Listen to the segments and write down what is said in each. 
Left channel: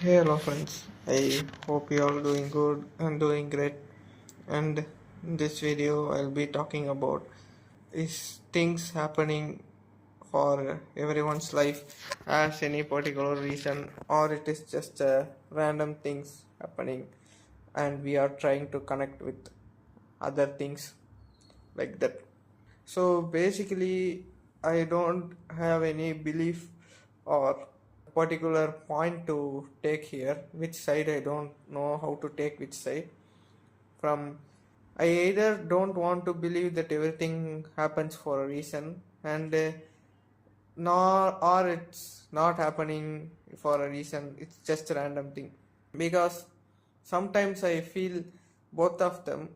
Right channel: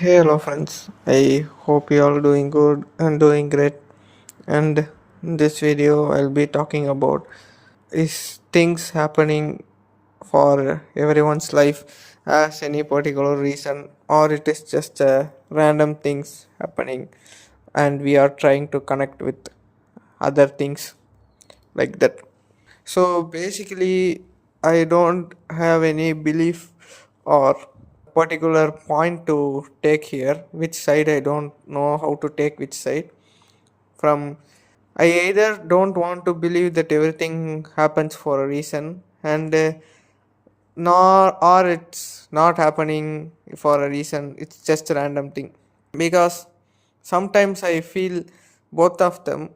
Hey, hello friends. I hope you all doing good and doing great. And in this video, I'll be talking about is things happening for everyone's life as any particular reason, or it is just random things happening, and we are trying to connect with other things like that. So basically, I don't have any belief or particular point to take here. Which side I don't know how to take which side. From I either don't want to believe that everything happens for a reason, and nor or it's not happening for a reason. It's just a random thing because sometimes I feel both of them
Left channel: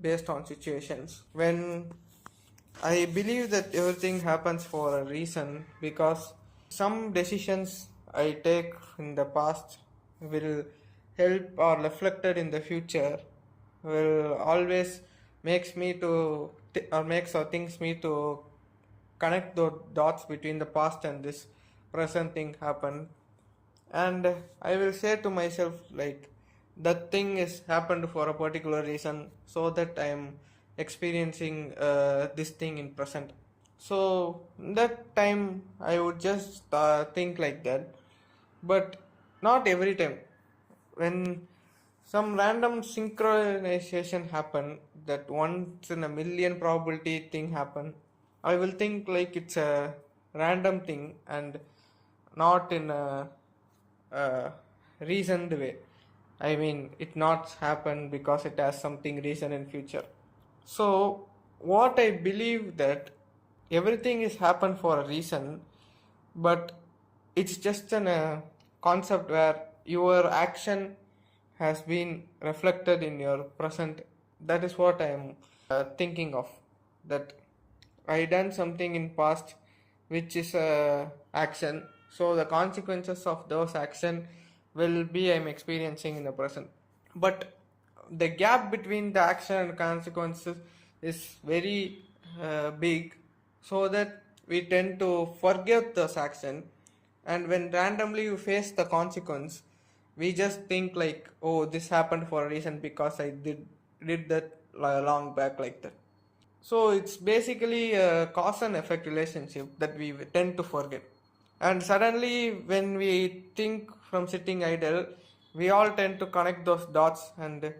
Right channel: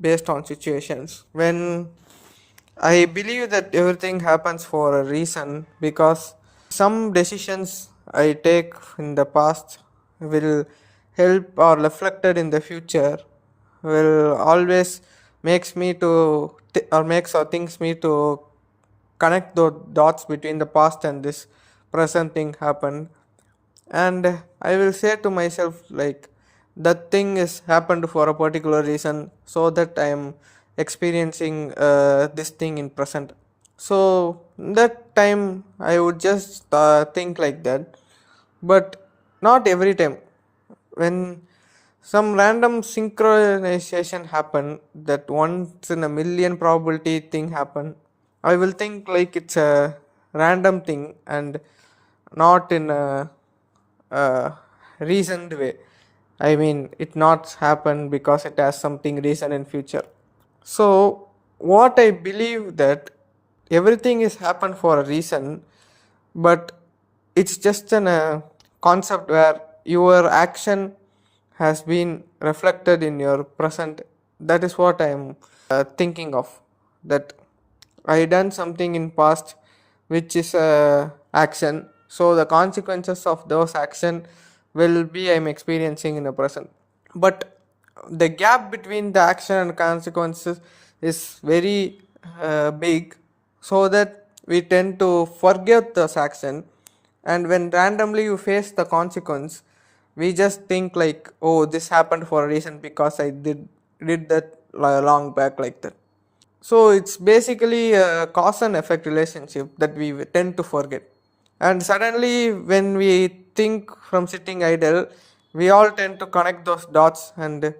based on situations. When I believe that everything happens for a reason because some decisions I take in the past will help or reflected in the future will always makes me to or makes or thinks me to connect the dots between the past and this present thing happened. And I will say to myself like that thing is happened for a particular reason, so that I am experiencing this thing in present. So that time I would just think like that, but not every time. When some random synchronization happen, that once in a million probability thing happen, I will think like it's a random thing and not in a reasoned way. I mean, it not happen because it has something reason in future. So what I believe that everything is happen for a reason, but it's just an concept where your action has been reflected in your present. That is what I'm thinking of. That I done something in past, which is a action. So the consequences of those action will be I'm experiencing in the present. But the gap between the action and consequences is very big, so that we tend to forget this action, and when randomly you face the consequence, we just think like, oh, this happened for a reason because I did that long back like that. So it's basically a cause and effect relationship that we tend to forget. And suddenly, when we think from sitting idle, we all tend to connect those dots. And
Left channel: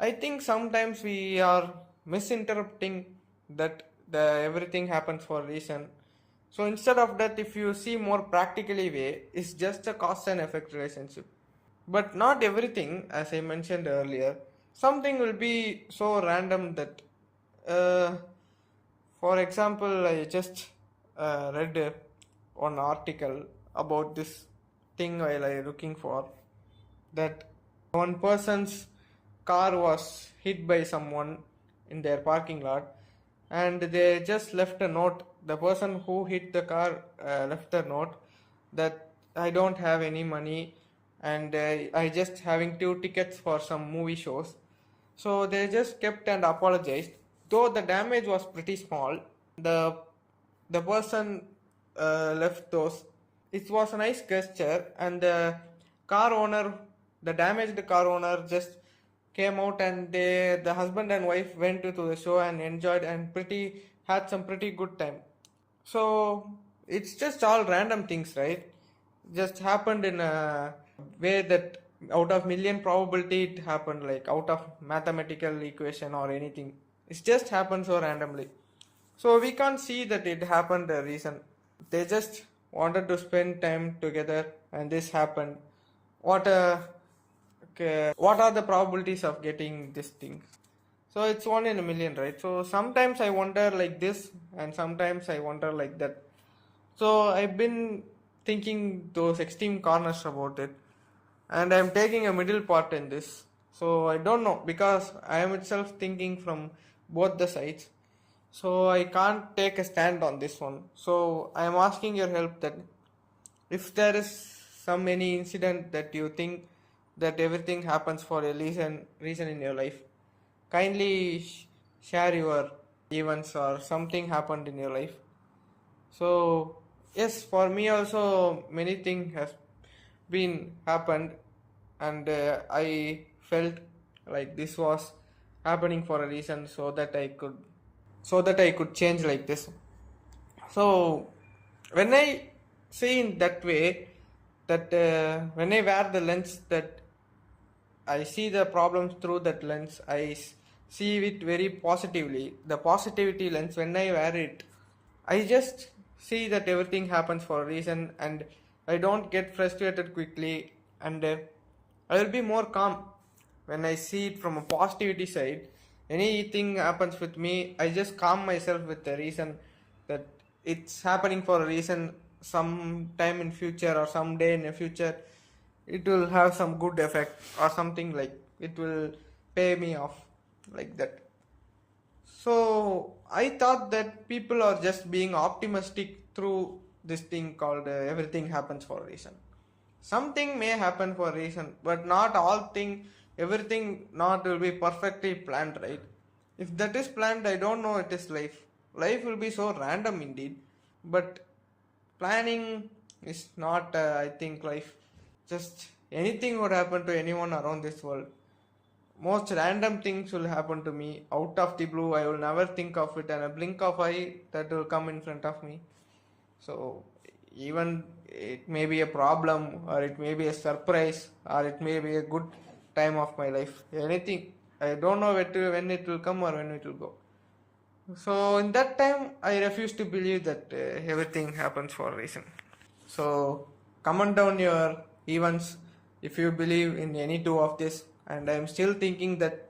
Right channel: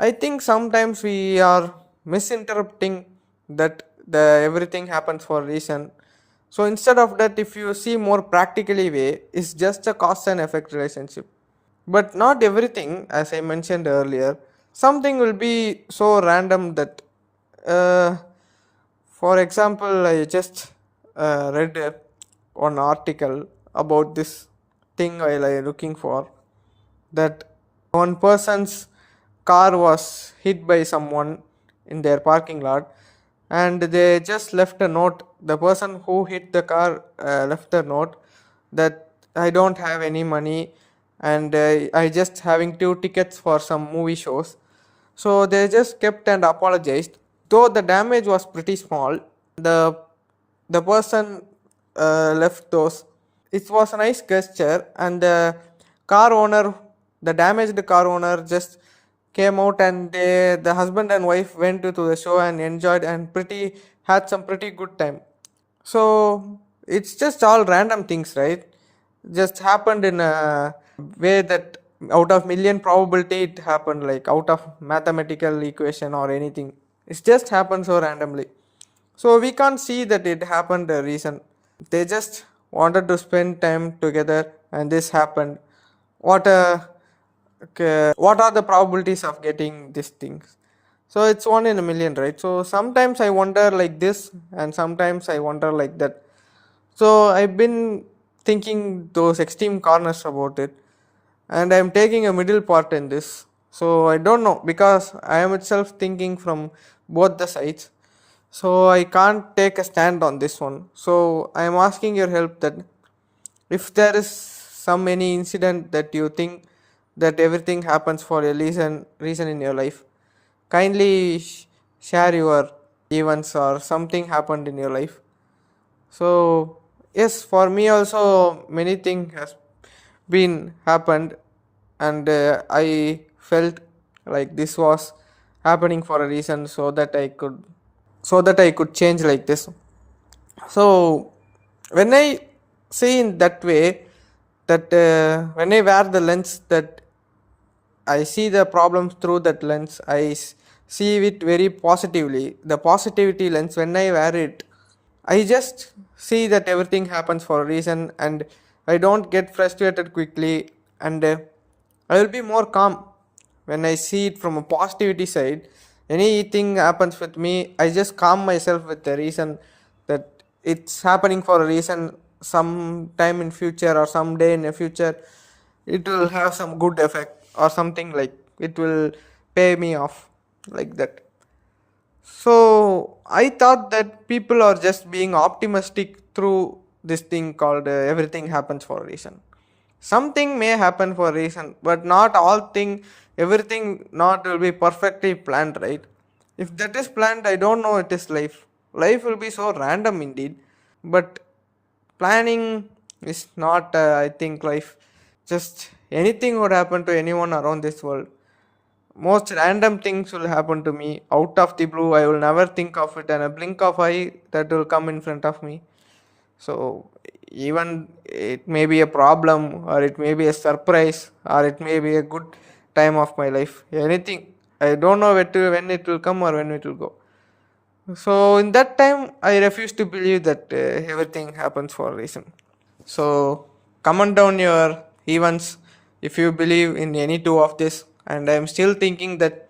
I think sometimes we are misinterpreting that the everything happens for a reason. So instead of that, if you see more practically way, it's just a cause and effect relationship. But not everything, as I mentioned earlier. Something will be so random that, uh, for example, I just read one article about this thing while I looking for that one person's car was hit by someone in their parking lot, and they just left a note. The person who hit the car left a note that I don't have any money, and I just having two tickets for some movie shows. So they just kept and apologized. Though the damage was pretty small, the the person left those. It was a nice gesture, and car owner, the damaged car owner, just came out, and the husband and wife went to the show and enjoyed and pretty had some pretty good time. So it's just all random things, right? Just happened in a way that out of million probability it happened, like out of mathematical equation or anything. It just happened so randomly. So we can't see that it happened a reason. They just wanted to spend time together, and this happened. What okay, what are the probabilities of getting these things? So it's one in a million, right? So sometimes I wonder like this, and sometimes I wonder like that. So I've been thinking those extreme corners about it, and I'm taking a middle part in this. So I don't know, because I am itself thinking from both the sides. So I can't take a stand on this one. So I am asking your help that if there is some any incident that you think that everything happens for a reason in your life, kindly share your events or something happened in your life. So yes, for me also many things has been happened, and I felt like this was happening for a reason, so that I could change like this. So when I see in that way, that when I wear the lens, that I see the problems through that lens, see it very positively. The positivity lens, when I wear it, I just see that everything happens for a reason, and I don't get frustrated quickly, and I will be more calm when I see it from a positivity side. Anything happens with me, I just calm myself with the reason that it's happening for a reason. Some time in future or someday in the future, it will have some good effect or something, like it will pay me off, like that. So I thought that people are just being optimistic through this thing called everything happens for a reason. Something may happen for a reason, but not all thing, everything not will be perfectly planned, right? If that is planned, I don't know it is life. Life will be so random indeed, but planning is not, I think, life. Just anything would happen to anyone around this world. Most random things will happen to me out of the blue. I will never think of it, and a blink of eye that will come in front of me. So even it may be a problem, or it may be a surprise, or it may be a good time of my life. Anything. I don't know when it will come or when it will go. So in that time, I refuse to believe that everything happens for a reason. So comment down your events if you believe in any two of this. And I'm still thinking that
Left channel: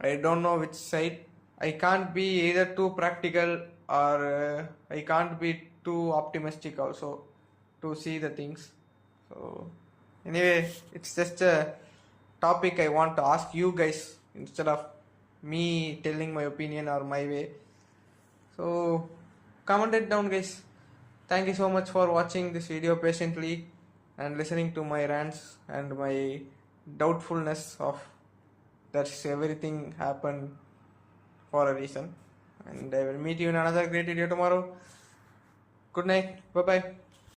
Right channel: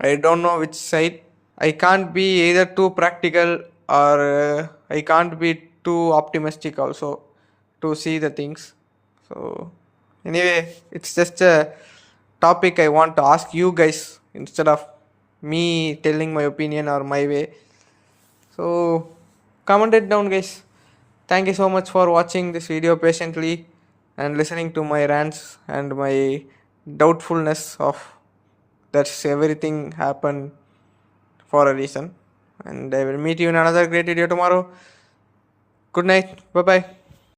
I don't know which side. I can't be either too practical, or I can't be too optimistic also to see the things. So anyway, it's just a topic I want to ask you guys instead of me telling my opinion or my way. So comment it down, guys. Thank you so much for watching this video patiently and listening to my rants and my doubtfulness of that everything happened for a reason. And I will meet you in another great video tomorrow. Good night. Bye bye.